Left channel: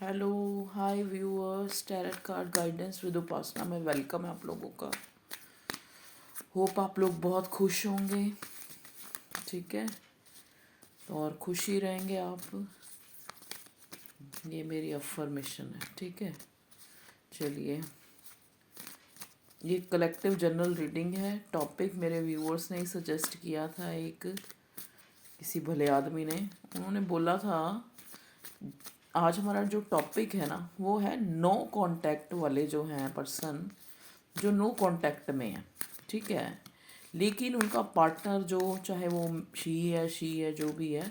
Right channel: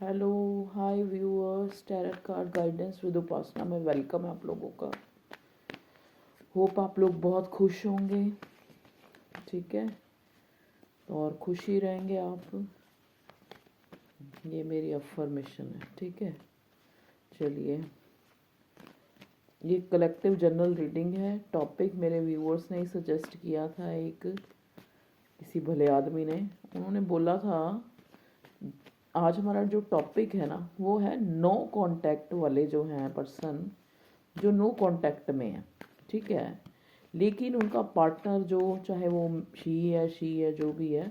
Hello, hi viewers, tarot card guidance with Upasana में welcome है आप लोगों का। होप आप लोग बहुत खुश होंगे। ठीक है, और खुश ही रहेंगे आप। ये मेरी अफर्मेशन है। ठीक है, चलिए, ये कलेक्टिव जनरल रीडिंग है। टॉपिक मेरे व्यूअर्स ने ही सजेस्ट किया था। एक किसी भले आदमी ने, उन्होंने बोला था आज हमारा जो टॉपिक है ना वो है नो कांटेक्ट वाले जो हैं पर्सन, जो नो कांटेक्ट में है। ठीक है, लेकिन उनका पार्टनर जो, चाहे वो शी है जो भी है,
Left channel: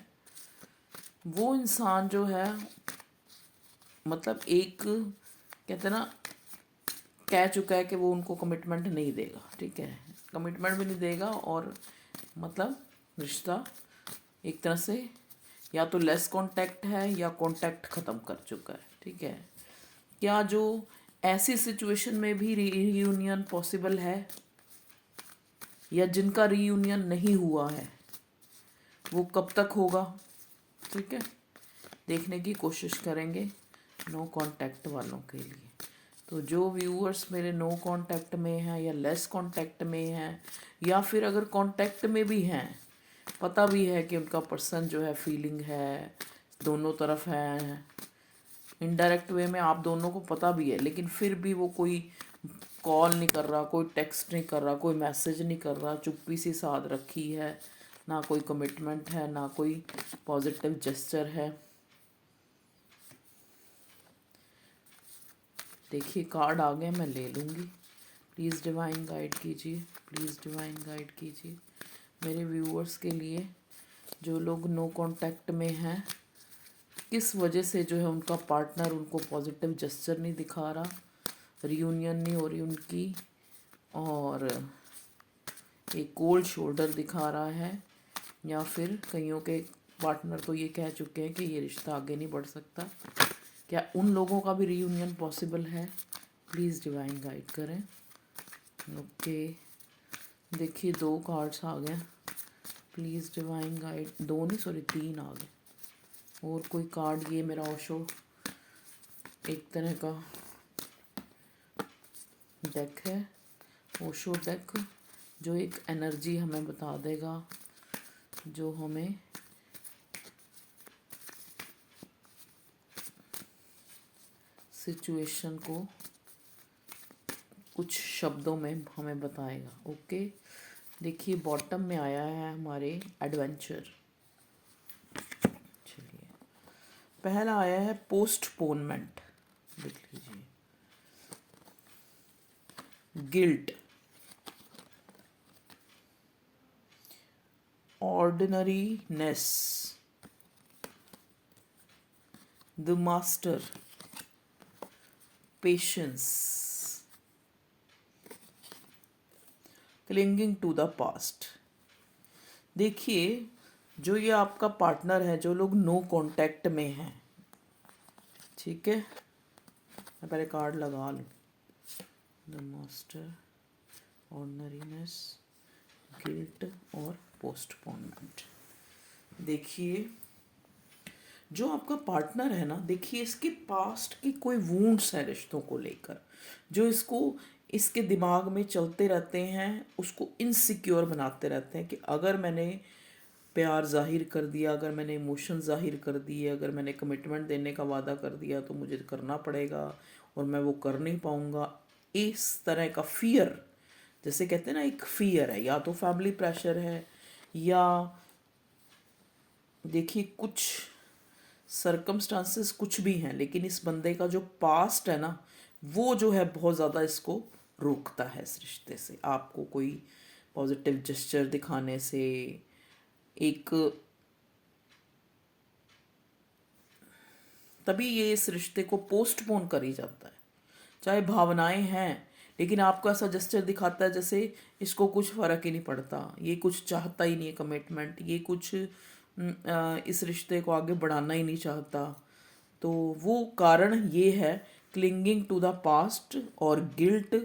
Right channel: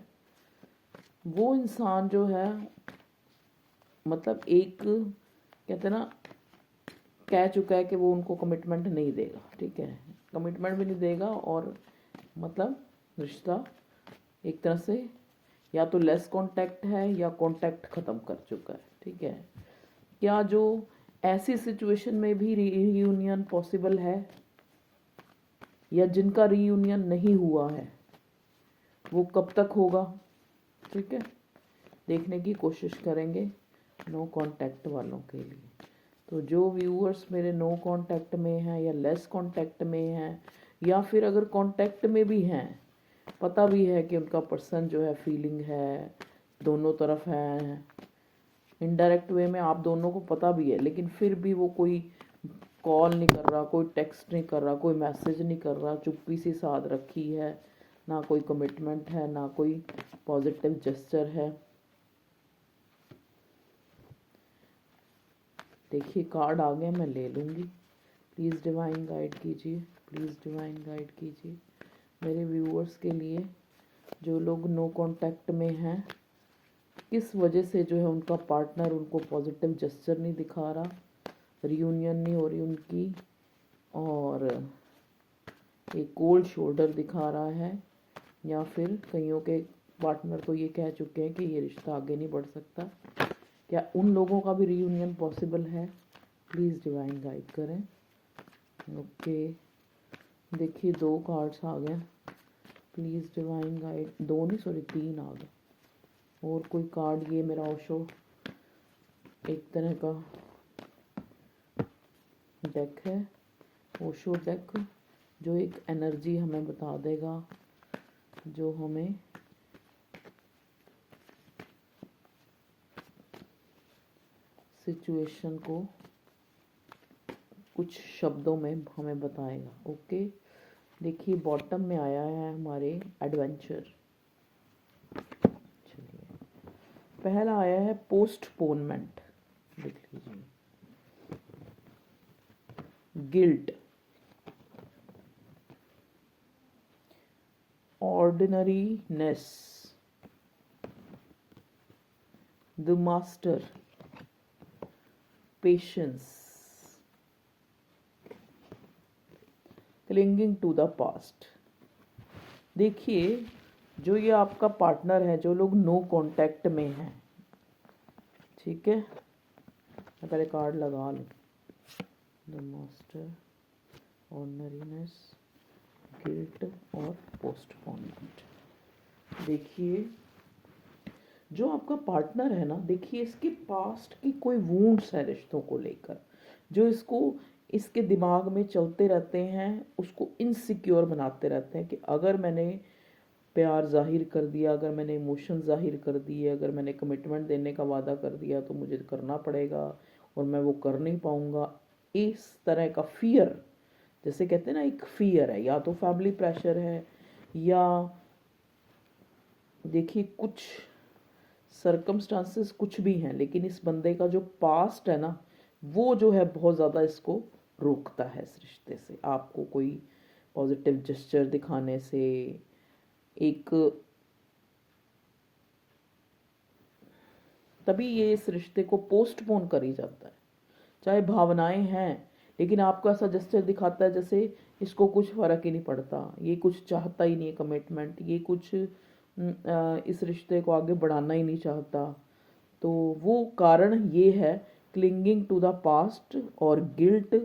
वो इंसान जो है, मतलब एक कहते हैं ना, कह चुका है कि वो उनको कमिटमेंट नहीं देगा। ठीक है, कमिटमेंट भी नहीं देगा, और मतलब रिश्ता एक तरह से या तो लेस कांटेक्ट है या कांटेक्ट ख़त्म कर चुका है। ठीक है, क्या जो ऐसी सिचुएशन में भी रीयूनियन पॉसिबल है, या जिनका रीयूनियन नहीं हुआ है वो कब तक होगा। ठीक है, देखने की कोशिश करेंगे नो कांटेक्ट वालों के लिए। तो जो व्यूअर्स मेरे नो कांटेक्ट में हैं या लेस कांटेक्ट में हैं, या फिर अगर कांटेक्ट में भी हैं, पता भी है कि उनका पर्सन जो है फीलिंग है, दोनों तरफ है, इनडायरेक्ट वे में आप दोनों को पता भी है, लेकिन फिर भी वो कोई कॉल नहीं कर रहा, कोई टेक्स्ट नहीं कर रहा, कोई मैसेज नहीं कर रहा, चुप्पी सी साथ रखी है, ना कोई कमिटमेंट है, ना कोई पॉजिटिव जेस्चर है। देखिए, कार्ड आ गए, मैं ले लूँगी। प्लीज़ डिवाइन गाइड कीजिए, प्लीज़ डिवाइन गाइड कीजिए मेरे व्यूअर्स के लिए, जो लोग नो कांटेक्ट में हैं, किस वजह से जो है उनका पार्टनर उनको पॉजिटिव जेस्चर नहीं दिखा रहा, रियूनियन नहीं हो रही उनकी, और एक कोल्ड शोल्डर दिखा रहा है, या फिर कईयों के पार्टनर तो ये कह चुके हैं कि ये रिश्ता आगे नहीं बढ़ सकता। क्या उन लोगों का भी रीयूनियन पॉसिबल है? प्लीज़ डिवाइन गाइड करें। ओके, देखिए, दो कार्ड्स आ गए। प्लीज़ डिवाइन गाइड, दो नहीं सॉरी, तीन आ गए। और कोई कार्ड, ये मेरा ओशो एक तरह का डेक है, ओशो डेक, जो एक एनर्जी हमें बता देगा, जो हमें सिचुएशन को कुछ शब्दों में हमें बताएगा। ओके, देखिए, बॉटम में आया है हमारे एडवेंचर। चलिए, पहला आया है पोस्टपोनमेंट। देख लीजिए, guilt, ordinariness, the master, patience, clinging to the past. देखिए, जो ये आपका पार्टनर है, जो लोग नो कांटेक्ट में हैं, ठीक है, मैं पहले कार्ड लगा लूँ। द मास्टर, ऑर्डिनरीनेस, गिल्ट और पोस्टपोनमेंट। देखिए, जो आपका पार्टनर है ना, देखिए, इसके पास्ट की कोई वूंड्स है रिश्तों को लेकर, जो इसको इसके दिमाग में चलते रहते हैं, उसको इनसिक्योर बनाते रहते हैं कि अगर मैंने प्यार जाहिर कर दिया, अगर मैंने इमोशन जाहिर कर दिए, अगर मैंने कमिटमेंट देने का वादा कर दिया तो मुझे करना पड़ेगा, और मैं वो कर नहीं पाऊँगा। इस तरह का फियर, जैसे कहते हैं ना, एक फियर है, या तो फैमिली प्रेशर है, या देखिए कुछ सरकमस्टांसेस कुछ भी हैं, लेकिन इस बंदे का जो पास्ट है ना, वो जो है बहुत ज़्यादा इसको रोकता है इस रिश्ते से, आपको कोई पॉजिटिव जेस्चर दिखाने से। एक तभी ये इस रिश्ते को पोस्टपोन कर ही जाता है, चाहे भावनाएं हैं, लेकिन आपको ऐसा जेस्चर दिखाता है जैसे इसको कुछ फ़र्क ही नहीं पड़ता, ये कुछ चाहता ही नहीं है कमिटमेंट, ये कुछ इस रिश्ते को आगे बढ़ाना ही नहीं चाहता। तो वो कारण ये है, क्लिंगिंग टू द पास्ट और गिल्ट।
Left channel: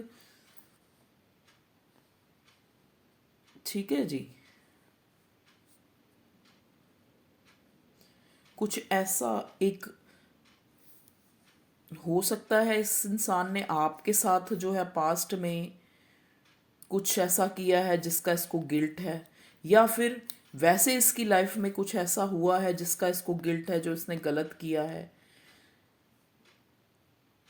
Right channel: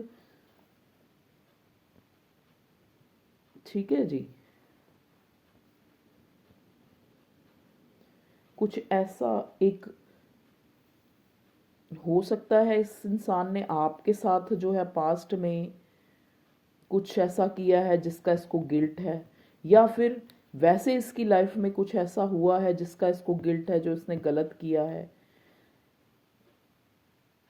ठीक है जी, कुछ ऐसा एक हो सकता है इस इंसान ने आपके साथ जो है पास्ट में कुछ ऐसा किया है जिसका इसको गिल्ट है, या फिर वैसे इसकी लाइफ में कुछ ऐसा हुआ है जिसका इसको गिल्ट है, जो इसने गलत किया है,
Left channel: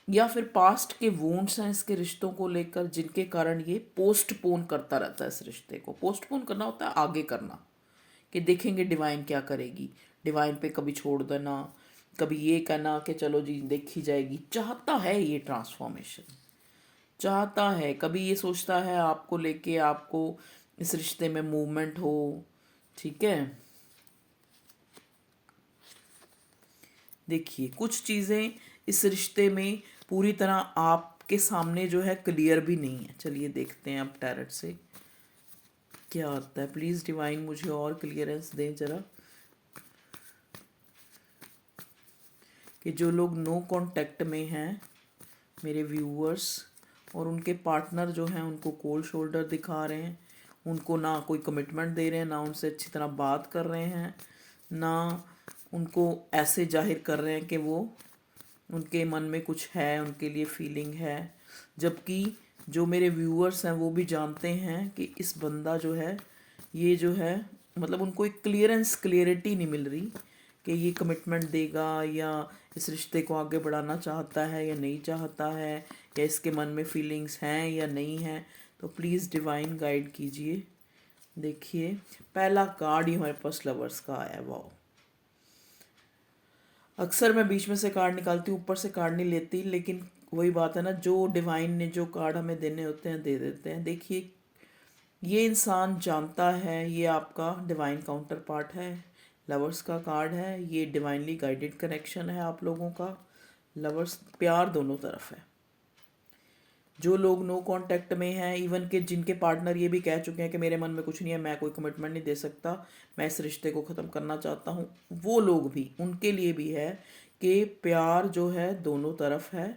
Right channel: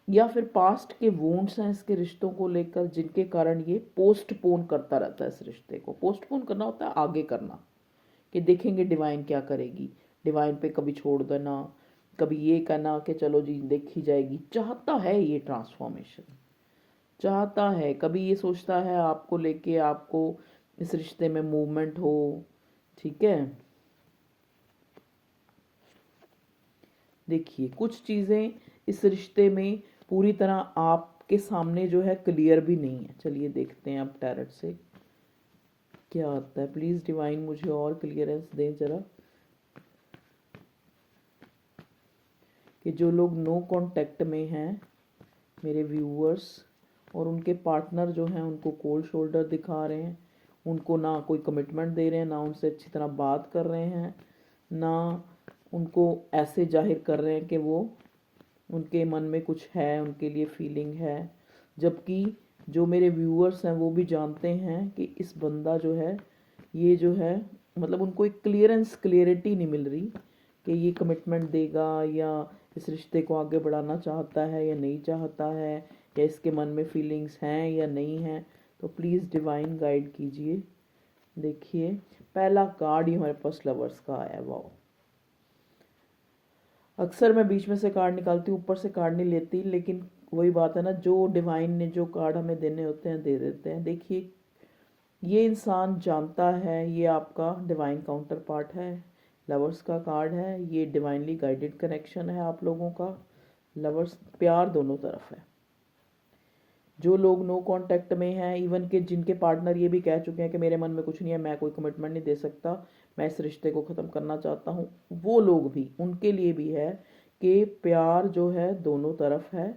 या फिर पास्ट के वूंड्स हैं इसके रिश्तों को लेकर जिनके कारण ये पोस्टपोन करता रहता है। इस रिश्ते को पोस्टपोन करना होता है आगे करना, कि देखेंगे डिवाइन क्या करेगी, डिवाइन पे कभी छोड़ देना, कभी ये कहना कि चलो जी देखी जाएगी। चाहता है ये ट्रांसफॉर्मेशन, चाहता है, कभी ये सोचता है आपको लेके, आपको इस रिश्ते में मूवमेंट हो। ठीक है, देखिए कुछ चीज़ें इस रिश्ते में पूरी तरह आपके सामने जो है क्लियर भी नहीं है। चलिए देखते हैं अब टैरेट से क्या आता है। प्लीज़ डिवाइन मुझे और क्लियरेंस दें ज़रा, कि जो लोग नो कांटेक्ट में हैं मेरे व्यूअर्स, और उनके पार्टनर जो हैं उनको कोल्ड शोल्डर दिखा रहे हैं, उनको ना कोई कमिटमेंट दे रहे हैं, ना उनसे अच्छी तरह बात कर रहे हैं, ना उनको ऐसे जाहिर कर रहे हैं कि वो उनके मन में कुछ है, उनके लिए फीलिंग है। जबकि जो मेरे व्यूअर्स हैं वो भी जानते हैं कि इस बंदा जो है, ये जो है, मतलब उनको एक क्लियरिटी नहीं मिल रही कि ये कमिटमेंट देगा, या इस रिश्ते को आगे बढ़ाना चाहता है या नहीं चाहता है, या इसके मन में फीलिंग्स हैं या नहीं हैं। तो प्लीज़ डिवाइन गाइड कीजिए। देखिए पहला कार्ड ही हमारे पास लवर्स का आया। वाह, अक्सर मैं बीच में से कार्ड निकालती हूँ, ऊपर से कार्ड नहीं लेती, लेकिन वही बात है ना, जो डिवाइन ने जो कार्ड हमें देने होते हैं दे देते हैं। देखिए ये इंसान जानता है ये आपका डिवाइन काउंटर पार्ट है, लवर्स का कार्ड है, ये डिवाइनली गाइडेड कनेक्शन है आप लोगों का। लवर्स प्यार दोनों तरफ है। जो लोग नो कांटेक्ट में हैं, इवन के जिनके पार्टनर ये भी कह चुके हैं कि मेरे मन में कुछ नहीं है, मैं कोई कमिटमेंट नहीं दे सकता, मैं इस रिश्ते को ख़त्म करना चाहता हूँ, वो लोग भी, उनके लिए भी है कि प्यार जो है दोनों तरफ है।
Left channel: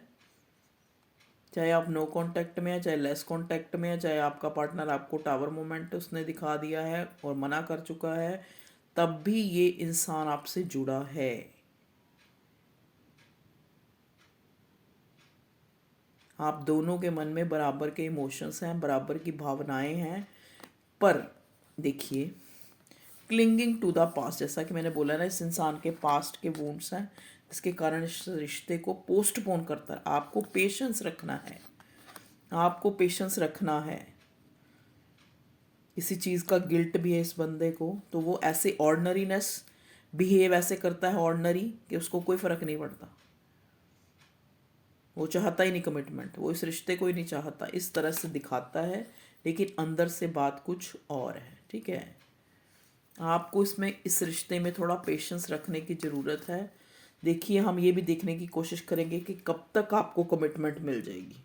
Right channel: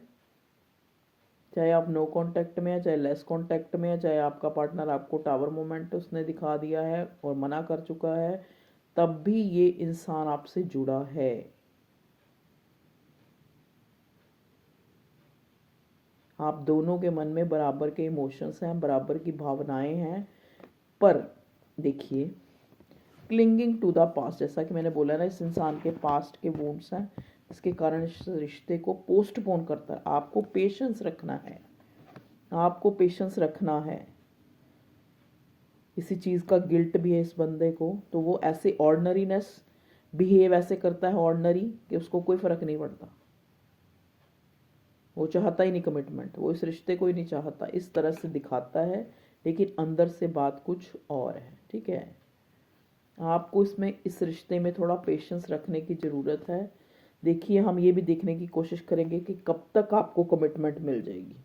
चाहे आप नो कांटेक्ट में है, चाहे लेस कांटेक्ट में है, चाहे आपका पार्टनर आपको टावर मोमेंट उसने दिखा दिया है और मना कर चुका है, तब भी ये इंसान आपसे जुड़ा है। आप दोनों के मन में बराबर के इमोशंस हैं, बराबर की भावनाएं हैं। पर देखिए क्लिंगिंग टू द पास्ट, जैसा कि मैंने बोला ना, इस इंसान के पास्ट के वुंड्स हैं, इसके कारण इस रिश्ते को पोस्टपोन करता है। आपको पेशेंस रखना है, आपको पेशेंस रखना है। किसी चीज़ का गिल्ट भी है इस बंदे को, तो वो ऐसे ऑर्डनरीनेस बिहेव ऐसे करता है, ऑर्डनरी, कि उसको कोई फ़र्क नहीं पड़ता। वो चाहता ही नहीं कमिटमेंट, वो इस रिश्ते को ही नहीं चाहता, इस तरह से दिखाता है, लेकिन अंदर से बात कुछ और है। ठीक है, आपको इसमें इस रिश्ते में थोड़ा पेशेंस रखने की ज़रूरत है। देखिए हम ये भी देखने की कोशिश करेंगे कि कब तक आपको कमिटमेंट मिल जाएगी।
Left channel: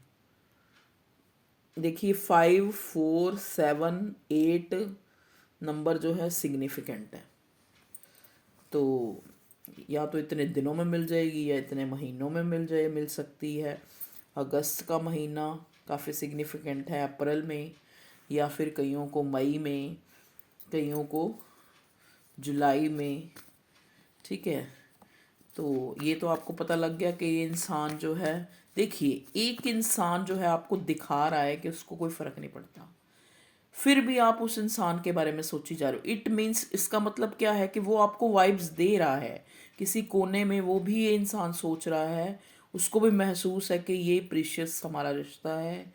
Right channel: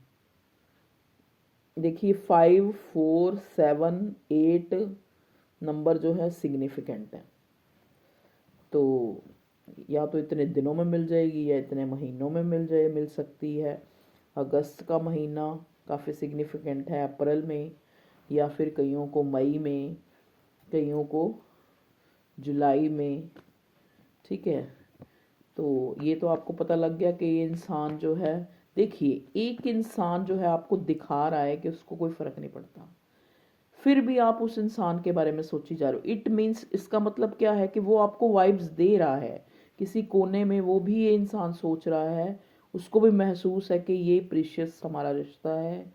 देखिए 5, 4, 7, 8 नंबर जो है सिग्निफिकेंट है, तो या तो इतने दिनों में मिल जाएगी या इतने महीनों में मिल सकती है। अगस्त का महीना काफ़ी सिग्निफिकेंट है, अप्रैल में, या फिर कईयों को मई में, कईयों को जुलाई में। ठीक है, तो ये तो आपको पता लग गया कि ये इंसान जो है, देखिए एक इंसान जो है आपको दिखा रहा है कि उसको कोई फ़र्क नहीं पड़ता, फिर भी आप उस इंसान के बारे में सोची जा रहे हो। इट मीन्स, इसका मतलब क्या है कि वो आपको वाइब्स दे रहा है, किसी कोने में वो भी ये इंसान सोच रहा है, उसको भी महसूस है कि ये प्रीशियस हमारा रिश्ता है,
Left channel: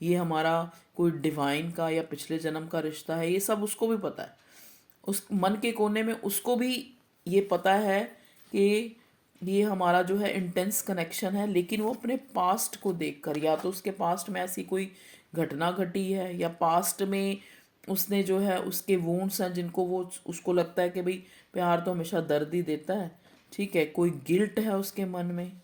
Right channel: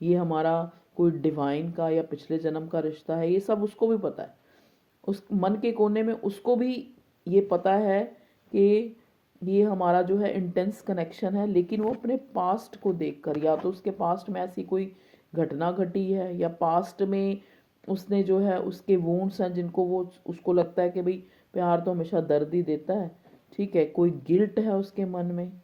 ये हमारा कोई डिवाइन का या पिछले जन्म का रिश्ता है, ये सब उसको भी पता है। उस मन के कोने में उसको भी ये पता है कि ये हमारा जो है इंटेंस कनेक्शन है, लेकिन वो अपने पास्ट को देखकर, या तो उसके पास्ट में ऐसी कोई घटना घटी है, या पास्ट में उसने जो है उसके वूंड्स हैं जिनको वो, उसको लगता है कि भाई प्यार तो हमेशा दर्द ही देता है। ठीक है, कोई गिल्ट है उसके मन में,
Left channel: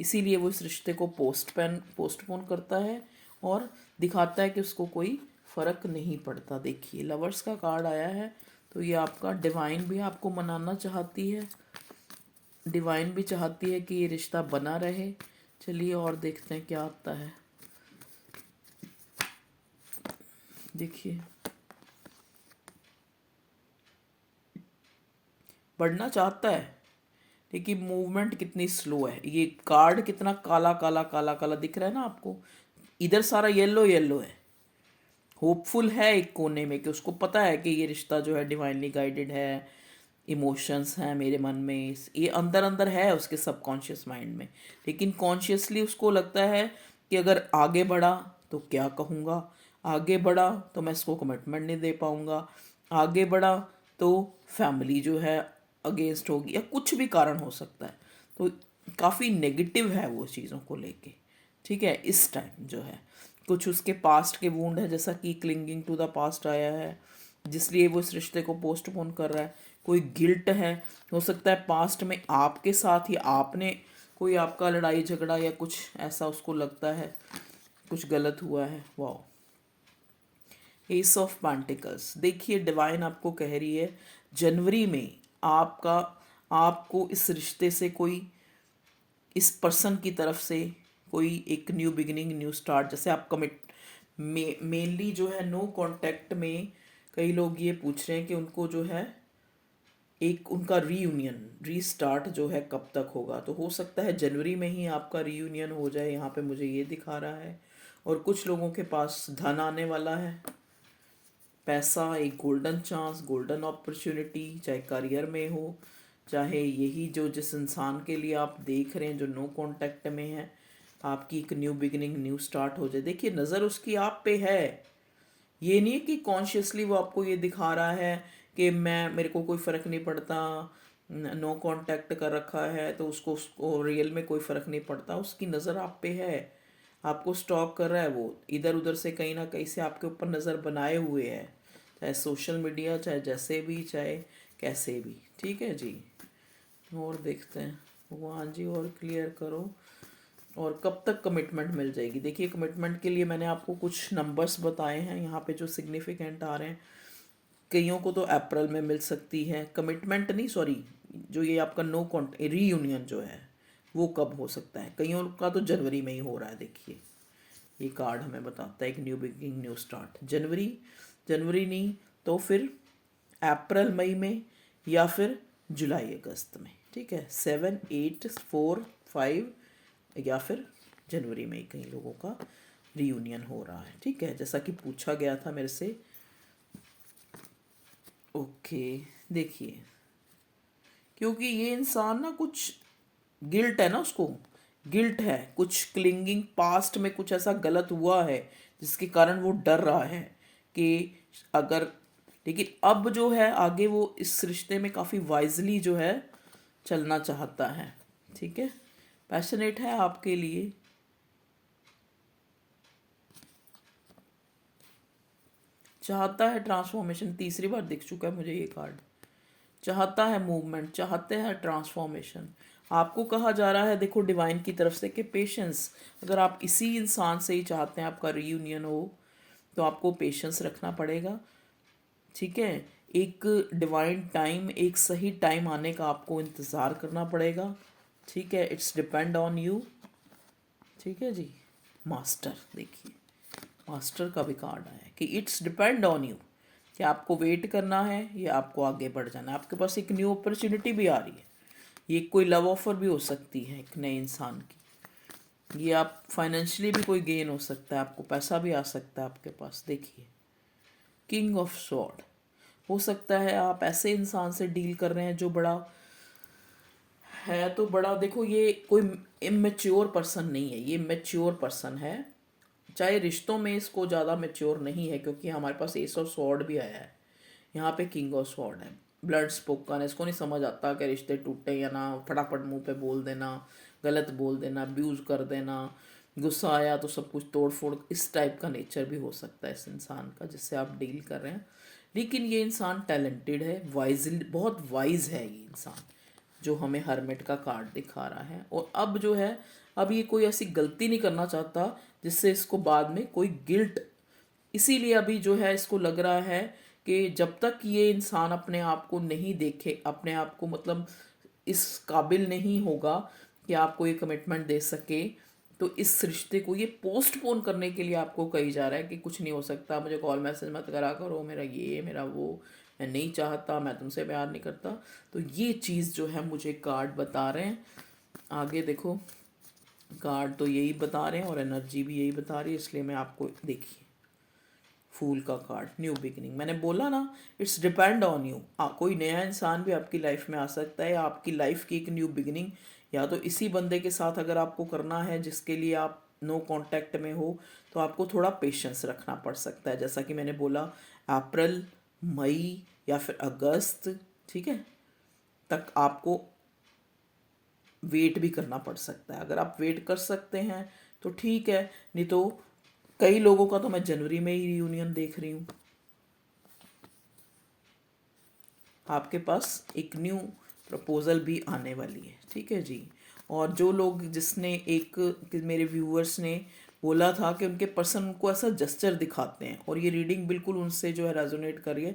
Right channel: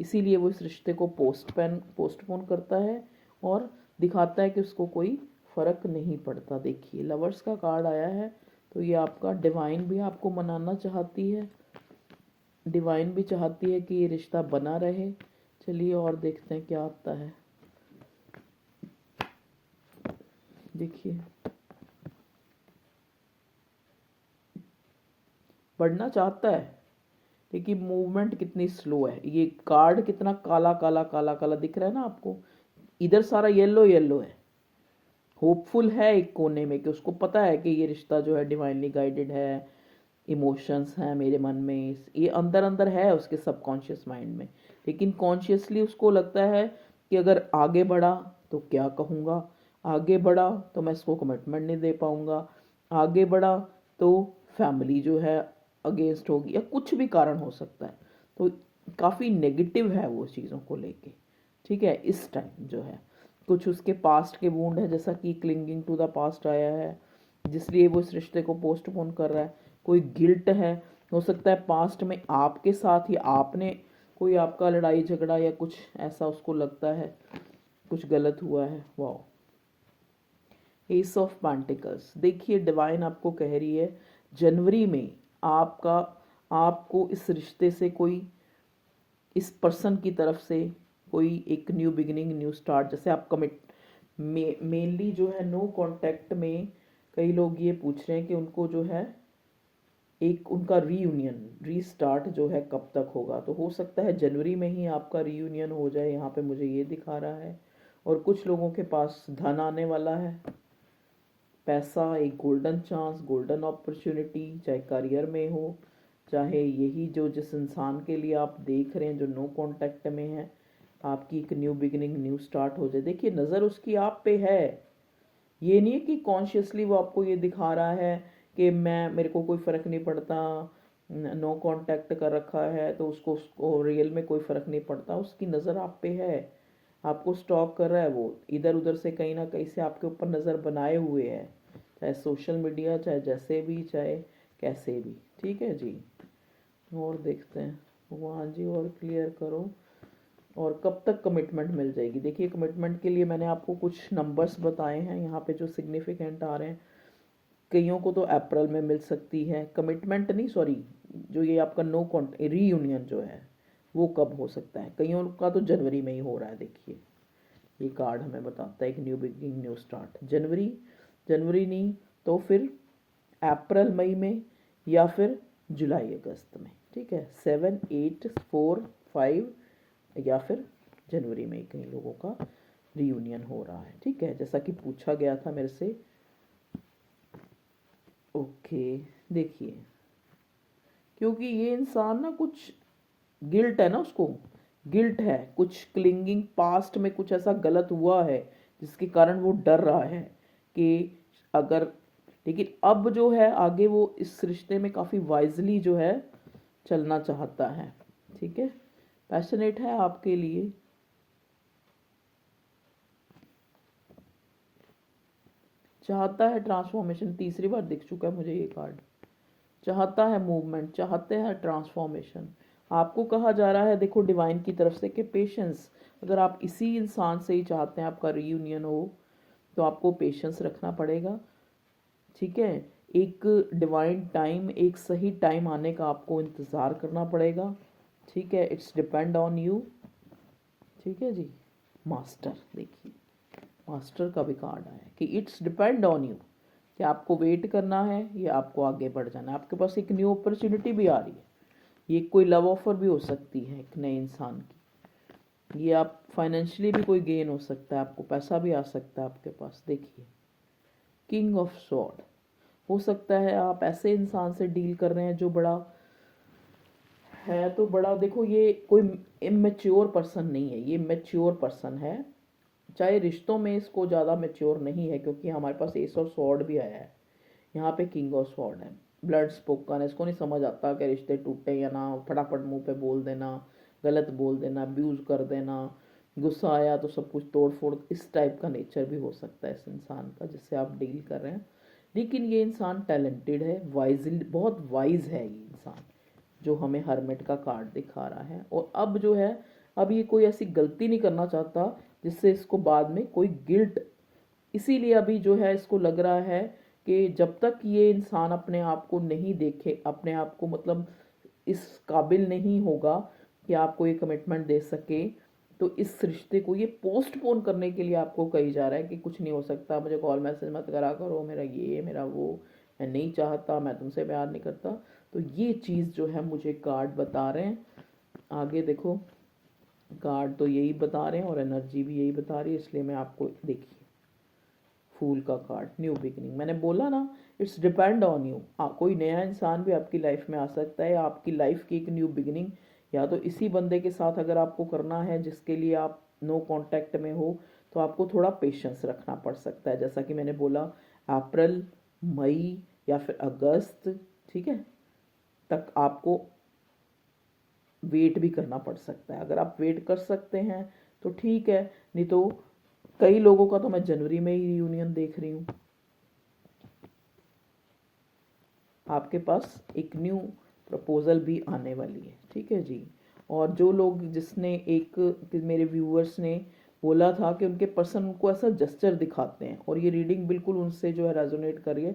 इसीलिए वो इस रिश्ते को पोस्टपोन करता है और दिखाता है कि उसको कोई फ़र्क नहीं पड़ता। देखिए लवर्स का कार्ड आया है, तो ये आपका डिवाइन भी आपको मनाना चाहती है, डिवाइन भी चाहती है कि ये रिश्ता बना रहे। चलिए और देखते हैं क्या आता है। देखिए बढ़ना चाहता है, लेकिन मूवमेंट कितनी स्लो है। ये कार्ड कितना काला काला काला काला दिख रहा है ना आपको, इधर सारा येलो येलो है। होपफुल है एक कोने में कि उसको पता है कि ये रिश्ता जो है डिवाइनली गाइडेड है, इमोशंस हैं मेरे मन में, ये अंदर अंदर है उसके सबकॉन्शियस माइंड में। लेकिन कॉन्शियसली उसको लगता है कि अगर आगे बढ़ा तो क्या कहूँगा, आगे बढ़ा तो मैं इसको कमिटमेंट नहीं दे पाऊँगा, आगे बढ़ा तो फैमिली जो है अगेंस्ट होगी, या कुछ भी कारण हो सकता है। तो काफ़ी नेगेटिव है वो चीज़ों को लेके। ठीक है, इस टाइम जो है कुछ उसके पास्ट के वूंड है, जैसा कि क्लिंगिंग टू द पास्ट आया है, जिसलिए वो इस रिश्ते को पोस्टपोन कर रहा है। कोई गिल्ट है, हो सकता है पास्ट में आपके साथ ही आपने कोई आपका लड़ाई झगड़ा या कुछ ऐसा उसको लगता है कुछ गलत हुआ है। वाह, एस ऑफ पेंटिकल्स। देखिए डिवाइन आपको कह रही है जनवरी में आपको इस रिश्ते से कोई, इस पर्सन की तरफ से कोई एक न्यू बिगिनिंग, न्यू स्टार्ट, जैसे आप कमिट मेनली जो है नो कांटेक्ट में कई लोग ये पूछ रहे हैं कि उनको जो है एक उनका रीयूनियन रीस्टार्ट जो है कब तक होगा। तो हो सकता है जनवरी में ही आपका रीयूनियन हो जाए, यहाँ पे मुझे ये दिखा रहा है। और कुछ लोगों के पास धन आने वाला है, पैसा, एक गोल्डन चांस, गोल्डन अपॉर्चुनिटी, चाहे करियर में हो, चाहे यही जो जिस इंसान के लिए आप देख रहे हैं जो नो कांटेक्ट में है, आपकी एक न्यू बिगिनिंग, न्यू स्टार्ट हो जाए। देखिए नज़र उसकी आप पे है, ये नहीं है कि कॉन्शियसली वो आपको ये दिखा रहा है कि मेरे को कोई फ़र्क नहीं पड़ता, नो कांटेक्ट कर रखा है तो उसको रियल में कोई फ़र्क नहीं पड़ता। उसकी नज़र आप पे है, आपको स्टॉक कर रहा है, वो इधर उधर से कहीं ना कहीं से आपके ऊपर नज़र बनाए हुए है, चाहे सोशल मीडिया, चाहे जैसे भी, चाहे कैसे भी। ठीक है जी, और देखते हैं भगवान जी, और क्लियर करो। और कब तक कमिटमेंट मिल जाएगी। देखिए कमिटमेंट के लिए मैंने आपको कुछ नंबर्स बताए हैं यहाँ पे जो सिग्निफिकेंट आ रहे हैं। कईयों को तो अप्रैल में मिल सकती है कमिटमेंट, नहीं सॉरी, जो ये आपका नो कॉन्ट रीयूनियन जो है वो कब हो सकता है। कईयों का तो जनवरी में ही हो रहा है। देखिए ये कार्ड हमें बताता है एक न्यू बिगिनिंग, न्यू स्टार्ट। जनवरी, जनवरी नहीं तो फिर अप्रैल मई में, या फिर जुलाई अगस्त में। ठीक है, 7 8 4 5, या फिर जनवरी में ही कई लोगों का रीयूनियन हो रहा है। ठीक है, जैसा कि पूछा गया था मेरे से। ओके, देखिए क्योंकि ये इंसान ना कुछ गिल्ट है ना, उसको गिल्ट है, कुछ क्लिंगिंग पास्ट में कुछ ऐसा गलत हुआ है जिसके कारण वो डर रहा है कि अगर, लेकिन अब जो है आगे वो इस रिश्ते में काफ़ी वाइजली जो है चलना चाहता है। ठीक है, पैशनेट है आपके लिए, चाहता है ट्रांसफॉर्मेशन। तीसरी बार दिख चुका है मुझे ये कार्ड। चाहता है मूवमेंट, चाहते हैं ट्रांसफॉर्मेशन। आपको कहा जा रहा है देखो डिवाइन की तरफ से कि पेशेंस, अगर आप इसी इंसान से ही चाहते हैं आपका रीयूनियन हो तो आपको पेशेंस रखना पड़ेगा। ठीक है, एक डिवाइन टाइम, एक सही टाइम आने का आपको इंतज़ार करना पड़ेगा। ठीक है, इट्स डिपेंड ऑन यू। ठीक है जी, मास्टर, देखिए मास्टर का भी कार्ड आया है कि इट्स डिपेंड ऑन यू, कि आपको वेट करना है या आपको आगे बढ़ जाना है। आपके पास एक न्यू अपॉर्चुनिटी भी आ रही है, ये कोई लव ऑफर भी हो सकती है एक नए इंसान की, ये आप फाइनेंशियली भी कोई गेन हो सकता है, आपको पैसा भी आ सकता है आपके पास। देखिए किंग ऑफ स्वॉर्ड, हो सकता है आप ऐसे इंसान से डील कर रहे हैं जो बड़ा है, तो बड़ा, देखो ये कोई इमेच्योर पर्सन नहीं है, ये मैच्योर पर्सन है। चाहे रिश्तों में इसको ज़्यादा मैच्योर नहीं है, क्योंकि हमारे पास एस ऑफ स्वॉर्ड भी आया है, यहाँ पे किंग ऑफ स्वॉर्ड है। ब्लड स्पोकन है, इसको नहीं समझ आता कि रिश्ते टूटे या ना, फटाफट मुंह पे बोल देना, गलत बोल देना, अब्यूज़ कर देना, गुस्सा आया तो सब कुछ तोड़ फोड़, इस टाइप का नेचर भी हो सकता है इस इंसान का जिससे आप डील कर रहे हैं। लेकिन ये इंसान टैलेंटेड है, वाइज, बहुत वाइज है ये इंसान, जो हमें हरमेट का कार्ड दिखा रहा है। और अब जो है, अब ये कोई ऐसी गलती नहीं करना चाहता जिससे इसको बाद में कोई गिल्ट, इसीलिए अभी जो है इसको लग रहा है कि जब तक ये इंसान अपने आप को नहीं देखे, अपने आप को मतलब इस काबिल नहीं होगा कि आपको ये कमिटमेंट दे सके, तो इस रिश्ते को ये पोस्टपोन करने के लिए आपको कही जा रहा है कि कुछ नहीं हो सकता, मुझे कॉल मैसेज मत करा करो, मेरा ये मेरा वो, मैं नहीं चाहता, मैं तुमसे प्यार नहीं करता। तो ये चीज़ जो है मुझे कार्ड बता रहे हैं। आगे देखो, कार्ड तो यही बता रहे हैं और एनर्जी भी यही बता रही है, इसलिए मैं आपको, देखिए फूल का कार्ड, न्यू बिगिनिंग। मैंने बोला ना, इट्स डिपेंड ऑन यू। कोई नया इंसान भी आपकी लाइफ में आ सकता है, आपकी लाइफ की एक न्यू बिगिनिंग या तो इसी बंदे के साथ अगर आपको करना है जिसके लिए आप नो कांटेक्ट में हो, तो आपको थोड़ा पेशेंस रखना पड़ सकता है। जैसा कि मैंने बोला, अप्रैल, मई या फिर अगस्त, ठीक है, तक आपको वेट भी करना पड़ सकता है। अगर आप वेट कर सकते हैं तो ठीक है, नहीं तो कई लोगों का तो मैं जनवरी में ही रियूनियन देख रही हूँ। आपके पास एक न्यू प्रपोजल भी आने वाली है, ठीक है जी। और जो लोग, जिसने एक मेरे व्यूअर्स ने बोला था कि उनके पर्सन उनको ऐसा जस्चर दिखाते हैं, और ये रीडिंग बिल्कुल उनसे जो है रेजोनेट करिए।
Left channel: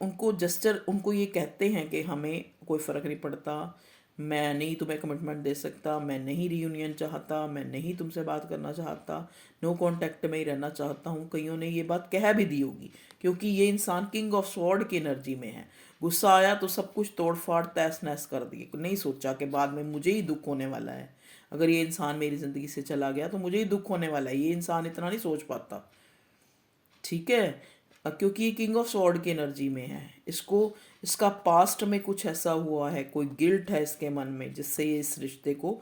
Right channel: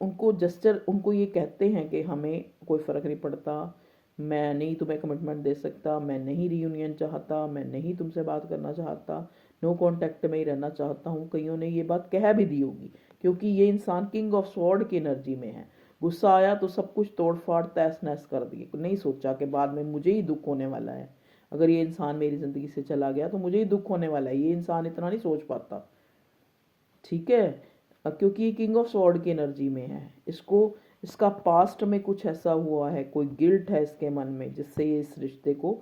उनको जस्चर, उनको ये कहते हैं कि हमें कोई फ़र्क नहीं पड़ता, मैं नहीं तुम्हें कमिटमेंट दे सकता, मैं नहीं रियूनियन चाहता, मैं नहीं तुमसे बात करना चाहता, नो कांटेक्ट में ही रहना चाहता हूँ। कईयों ने ये बात कह भी दी होगी, क्योंकि ये इंसान किंग ऑफ स्वॉर्ड की एनर्जी में है। गुस्सा आया तो सब कुछ तोड़ फाड़ तहस नहस कर दिए, नहीं सोचा कि बाद में मुझे ही दुख होने वाला है। अगर ये इंसान मेरी ज़िंदगी से चला गया तो मुझे ही दुख होने वाला है। ये इंसान इतना नहीं सोच पाता, ठीक है, क्योंकि ये किंग ऑफ स्वॉर्ड की एनर्जी में है। इसको, इसका पास्ट में कुछ ऐसा हुआ है, कोई गिल्ट है इसके मन में, जिससे ये इस रिश्ते को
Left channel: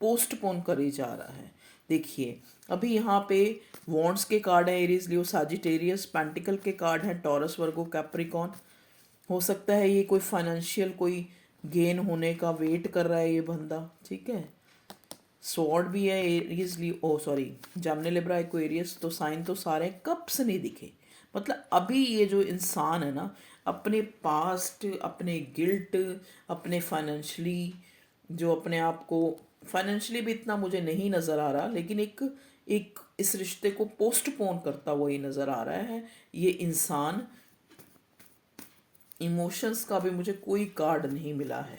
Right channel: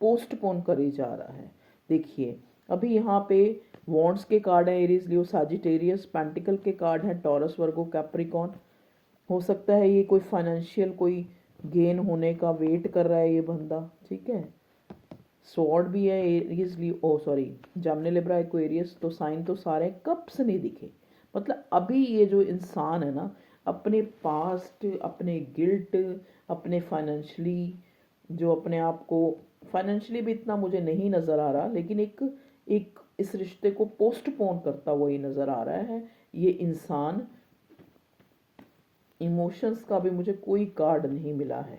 पोस्टपोन करी जा रहा है। देखिए, अभी यहाँ पे वॉन्ड्स के कार्ड है, एरीज, लियो, साजिटेरियस। पेंटिकल के कार्ड है, टॉरस, वर्गो, कैप्रिकॉन। हो सकता है ये कोई फाइनेंशियल कोई गेन होने का वेट कर रहा है ये बंदा, ठीक है। स्वॉर्ड भी है, एरीज, लियो, ओ सॉरी, जेमिनी, लिब्रा, एक्वेरियस। तो साइन तो सारे कब से नहीं दिखे। मतलब अभी ये जो इंसान है ना, अपने पास्ट, अपने गिल्ट, अपने फाइनेंशियली, जो अपने आप को फाइनेंशियली भी इतना मुझे नहीं नज़र आ रहा, लेकिन एक एक इस रिश्ते को पोस्टपोन करता हुआ ही नज़र आ रहा है ये इंसान। इमोशंस का भी मुझे कोई कार्ड नहीं मिला है,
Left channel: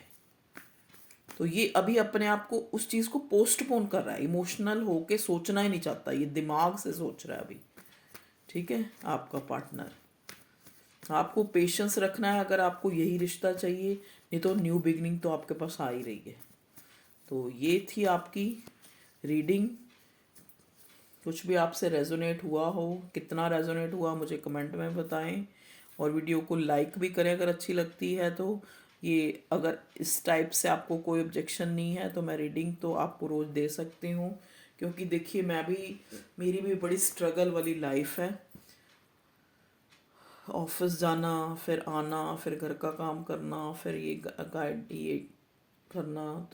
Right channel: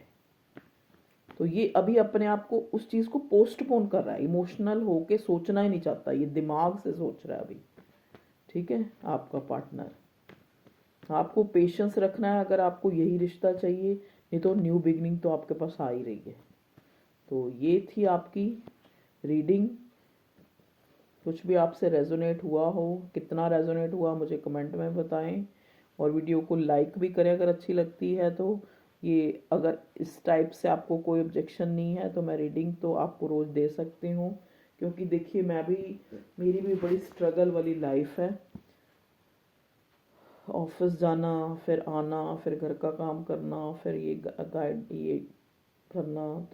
तो ये अभी अपने आप को उस चीज़ को पोस्टपोन कर रहा है। इमोशनल होके सोचना ही नहीं चाहता, ये दिमाग से सोच रहा है अभी, ठीक है। आपका पार्टनर, आपको पेशेंस रखना है अगर आपको यही रिश्ता चाहिए, नहीं तो न्यू बिगनिंग तो आपके पास आ ही रही है। तो ये थी आपकी रीडिंग। कुछ भी आपसे रेजोनेट हुआ हो, कितना रेजोनेट हुआ मुझे कमेंट में बताएं, और वीडियो को लाइक भी करें अगर अच्छी लगती है तो। ये अगर इस टाइप से आपको कोई ऑब्जेक्शन नहीं है तो मैं रीडिंग तो आपको रोज़ दे सकती हूँ, क्योंकि देखिए मैं भी, मेरी भी बड़ी स्ट्रगल वाली लाइफ है। ऑफिस जाना, फिर आना, फिर घर का काम करना, फिर ये गाइड ये करना।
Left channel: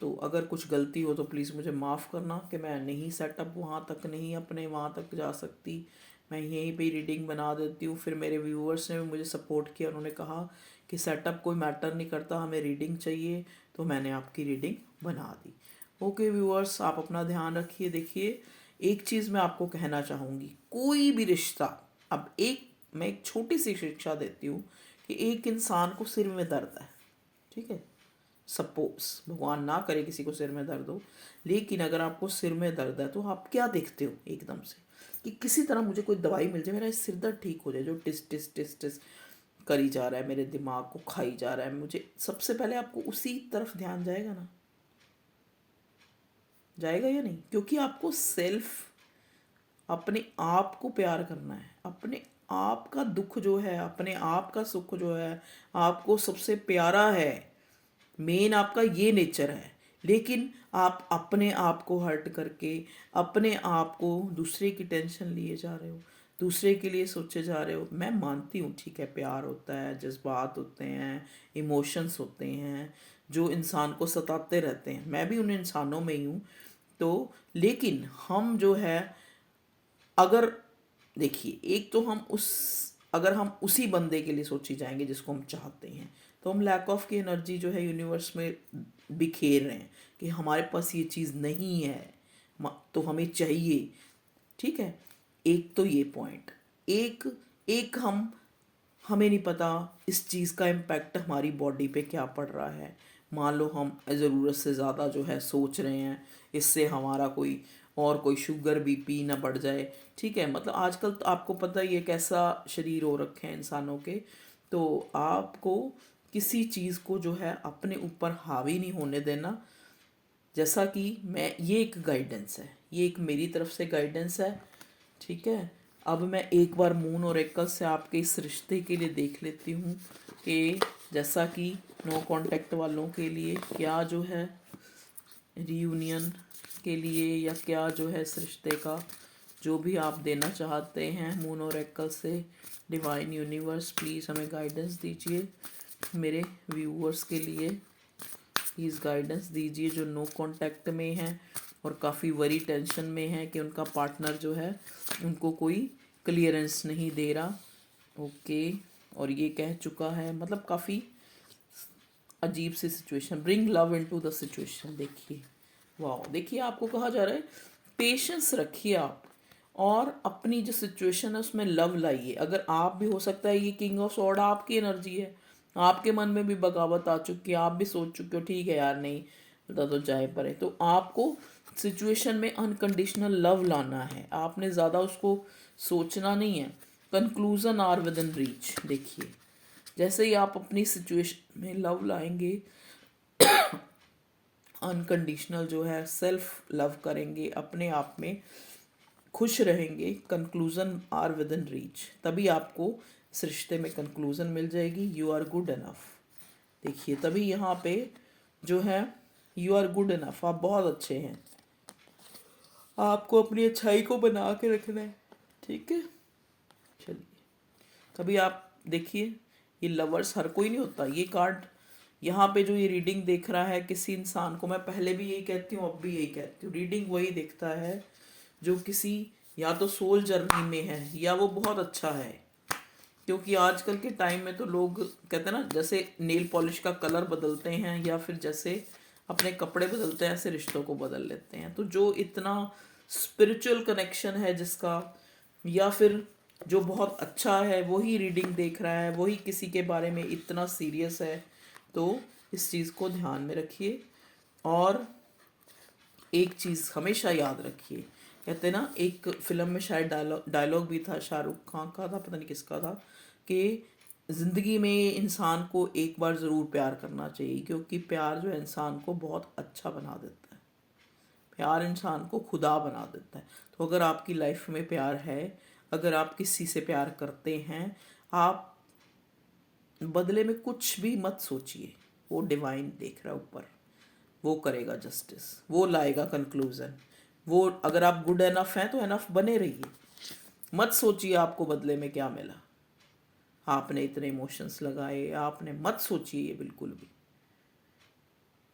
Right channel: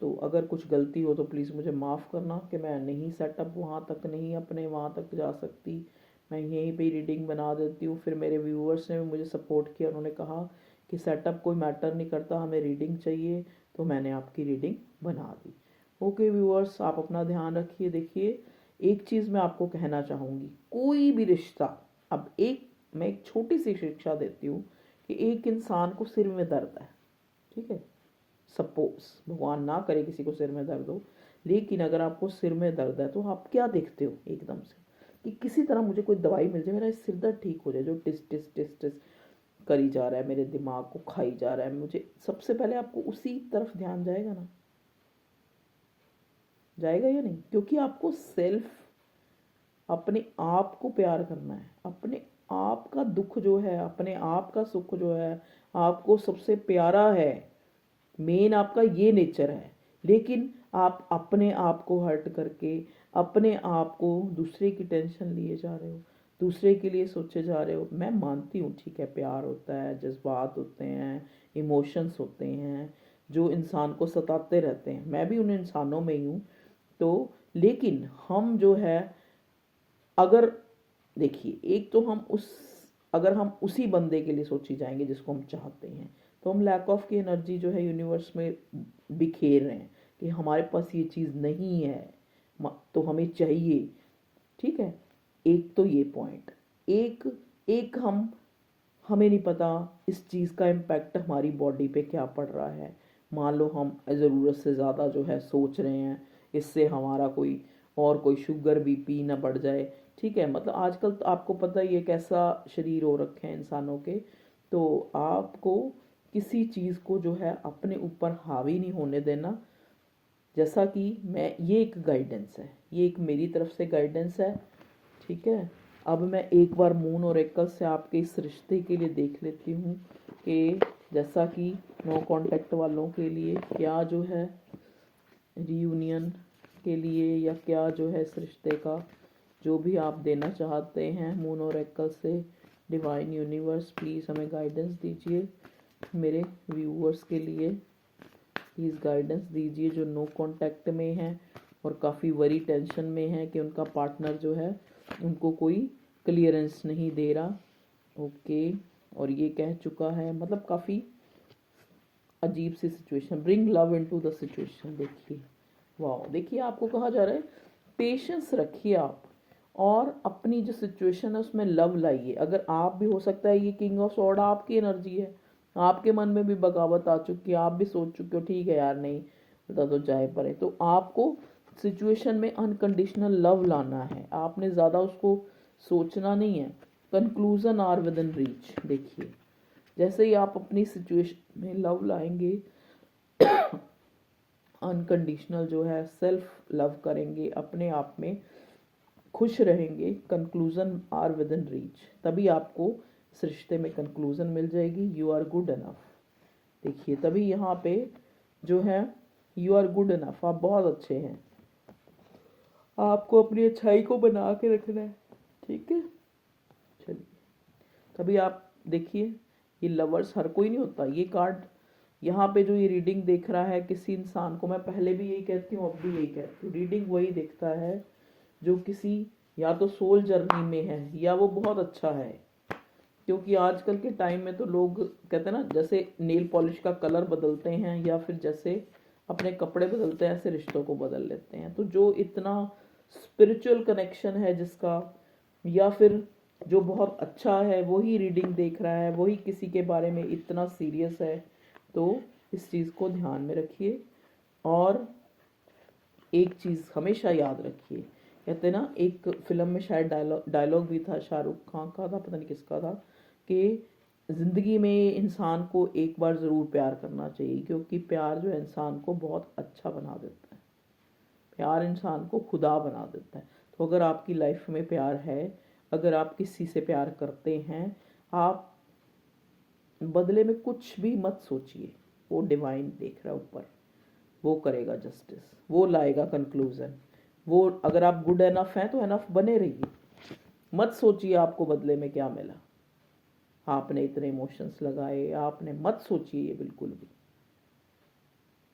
तो अगर कुछ गलती हो तो प्लीज़ मुझे माफ़ करना कि मैं नहीं सेटअप वहाँ तक नहीं अपने वहाँ तक जा सकती, मैं यहीं पे रीडिंग बना देती हूँ। फिर मेरे व्यूअर्स ने भी मुझे सपोर्ट किया, उन्होंने कहा कि सेटअप कोई मैटर नहीं करता, हमें रीडिंग चाहिए, तो मैंने आपकी रीडिंग बना दी। ओके व्यूअर्स, आप अपना ध्यान रखिए। देखिए, एक चीज़ मैं आपको कहना चाहूँगी, कोई भी रिश्ता, अब मैं एक छोटी सी शिक्षा देती हूँ कि एक इंसान को सिर में दर्द है, ठीक है, सपोज भगवान ना करे किसी को सिर में दर्द हो, लेकिन अगर आपको सिर में दर्द है तो आप क्या देखते हो एकदम से, कि किसी तरह मुझे कोई दवाई मिल जाए, मेरा सिर दर्द ठीक हो जाए, जो टिस टिस टिस टिस करी जा रहा है, मेरे दिमाग को खाई जा रहा है, मुझे सबसे पहले आपको उसी तरफ ध्यान जाएगा ना, जाएगा या नहीं? क्योंकि आपको सेल्फ, अपने आप को प्यार करना है, अपने आप का दुख जो है, अपने आप का सुख जो है, आपको सबसे प्यारा है। मेन आपका ये नेचर है, लेकिन आप अपने आप को हर्ट करके, अपने आप को दूसरे की टेंशन लिए जा रहे हो, दूसरे के लिए सोचे जा रहे हो। मैं मानती हूँ, ठीक है, प्यार होता है, जज्बात होते हैं, इमोशंस होते हैं जो इंसान को सताते रहते हैं, मैं भी उन इंसानों में ही हूँ। तो लेकिन हम जो है, अगर देखिए, एक तो हम उस, अगर हम उसी बंदे के लिए सोची जाएंगे जिसको हम चाहते हैं, तो हम लैक ऑफ की एनर्जी जो है यूनिवर्स में बिखेर रहे हैं कि हमारे पास ये चीज़ नहीं है, तो हमें चाहिए, ठीक है। एक तो ये पॉइंट, एक एक हमें नहीं पता इस चीज़ का इम्पैक्ट हमारी बॉडी पे क्या पड़ रहा है। मान लो हम ज़रूरत से ज़्यादा जो है सोच रहे हैं, इससे हमारा कोई और कोई शुगर बीपी ना बढ़ जाए, ठीक है। मतलब आजकल तो आपको पता ही है कैसा शरीर हो रखे हैं इंसानों के, तो आपको किसी चीज़ को जो है अपने ऊपर हावी नहीं होने देना। जैसा कि मैं, ये एक गाइडेंस है, ये एक मेरी तरफ से गाइडेंस है, ठीक है। अब मैं एक बार मून और एकल से आपके इस रिश्ते के लिए देख लेती हूँ कि जैसा कि नो कांटेक्ट वालों के लिए क्या जो है रीयूनियन के लिए, या क्या जो है इस रिश्ते का जो भी आप देना चाहते हैं मून और एकल से, डिवाइन यूनिवर्स प्लीज़ हमें गाइडेंस दीजिए। मेरे व्यूअर्स के लिए प्लीज़ गाइडेंस दीजिए जो नो कांटेक्ट में हैं और काफ़ी वरी टेंशन में है कि उनका पार्टनर जो है उनको कोई क्लियरेंस नहीं दे रहा, ओके। और ये कह चुका है, मतलब काफ़ी अजीब सी situation. Bring love into the situation, देखिए वाह, देखिए आपको कहा जा रहा है पेशेंस रखिए आप, और अपनी जो सिचुएशन है उसमें लव लाइए। अगर आप भी, हो सकता है ये किंग ऑफ सॉर्ड आपकी एनर्जी है, आपके मन में भी बगावत आ चुकी है, आप भी सोच चुके हो ठीक है यार नहीं पता तो जाए पड़े, तो आपको सिचुएशन में अनकंडीशनल लव लाना है, आपने ज़्यादा उसको सोचना नहीं है। Conclusion are within reach, देखिए जैसे ही आप अपनी सिचुएशन में लव लाएंगे, अनकंडीशनल जो है सेल्फ लव करेंगे, अपने आप में खुश रहेंगे, conclusion are within reach, तभी आपको इस रिश्ते में कंक्लूजन मिल जाएगी। यू आर गुड इनफ, देखिए तभी यहाँ पे जो है यू आर गुड इनफ, आप बहुत अच्छे हैं, आपको अपनी अच्छाई को बना के रखना है, ठीक है। चलिए तभी आप देखिए, ये लवर्स हर कोई नहीं होता। ये कार्ड यहाँ पे जो ये रीडिंग देख रहा है किसी इंसान को, मैं पहले भी यही कहती हूँ अब भी यही कहती हूँ, रीडिंग वही देखता है जो किसी या तो सोल जर्नी में है या वो बहुत अच्छा है। क्योंकि आजकल के टाइम में तो लोग कहते हैं ना, जैसे नेल पॉलिश का कलर बदलते हैं या फिर जैसे अपने कपड़े बदलते हैं, ऐसे रिश्तों को बदल लेते हैं। तो जो इतना स्पिरिचुअल कनेक्शन है जिसका, या फिर जो बहुत अच्छा है वही रीडिंग देख रहा है, वही किसी के बारे में इतना सीरियस है, तो इस चीज़ को ध्यान में रखिए। और एक चीज़ हमेशा याद रखिए, कहते ना एक फिल्म में शायद डायलॉग भी था, शाहरुख खान का था पता नहीं किसका था, कि ज़िंदगी में इंसान को एक बार ज़रूर प्यार करना चाहिए, क्योंकि प्यार जो है इंसान को बहुत अच्छा बना देता है, प्यार इंसान को खुदा बना देता है। तो अगर आपकी लाइफ में प्यार है, अगर आप किसी से प्यार करते हैं, आप बदले में कुछ भी मत सोचिए, वो डिवाइन देख रहा है ऊपर, वो करेगा जस्टिस, वो लाएगा कंक्लूजन। वो अगर आप गुड एनफ हैं तो एनफ बने रहिए, मत सोचिए आपको बदले में क्या मिला, आपने इतने इमोशंस लगाए, आपने मत सोचिए ये बिल्कुल भी,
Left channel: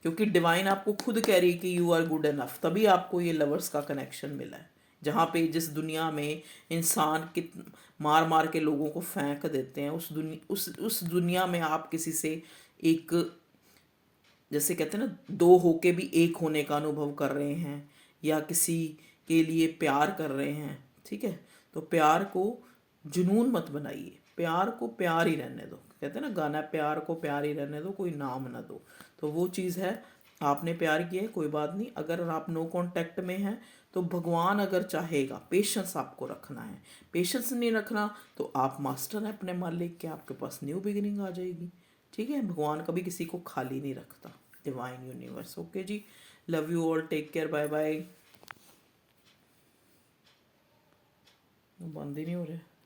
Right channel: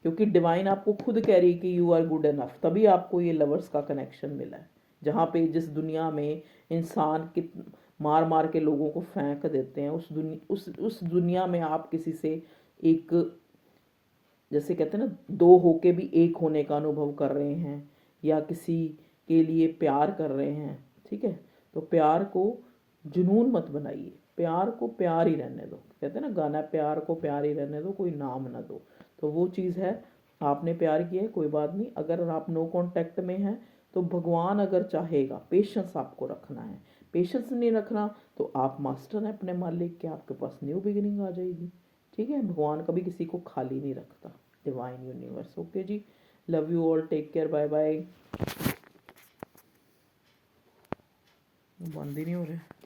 क्योंकि डिवाइन आपको खुद कह रही है कि यू आर गुड एनफ, तभी आपको ये लवर्स का कनेक्शन मिला है। जहाँ पे जिस दुनिया में इंसान कित मार मार के लोगों को फेंक देते हैं, उस दुनिया में आप किसी से एक, जैसे कहते हैं ना, दो होके भी एक होने का अनुभव कर रहे हैं, या किसी के लिए प्यार कर रहे हैं, ठीक है। तो प्यार को जुनून मत बनाइए, प्यार को प्यार ही रहने दो, कहते हैं ना गाना, प्यार को प्यार ही रहने दो, कोई नाम ना दो। तो वो चीज़ है, आपने प्यार किया है कोई बात नहीं, अगर आप नो कांटेक्ट में हैं तो भगवान अगर चाहेगा, पेशेंस आपको रखना है, पेशेंस नहीं रखना तो आप मास्टर हैं अपने मालिक के, आपके पास न्यू बिगिनिंग आ जाएगी, ठीक है। भगवान कभी किसी को खाली नहीं रखता, divine universe, okay ji. Love you all, take care, bye bye. बंद ही नहीं हो रहा है।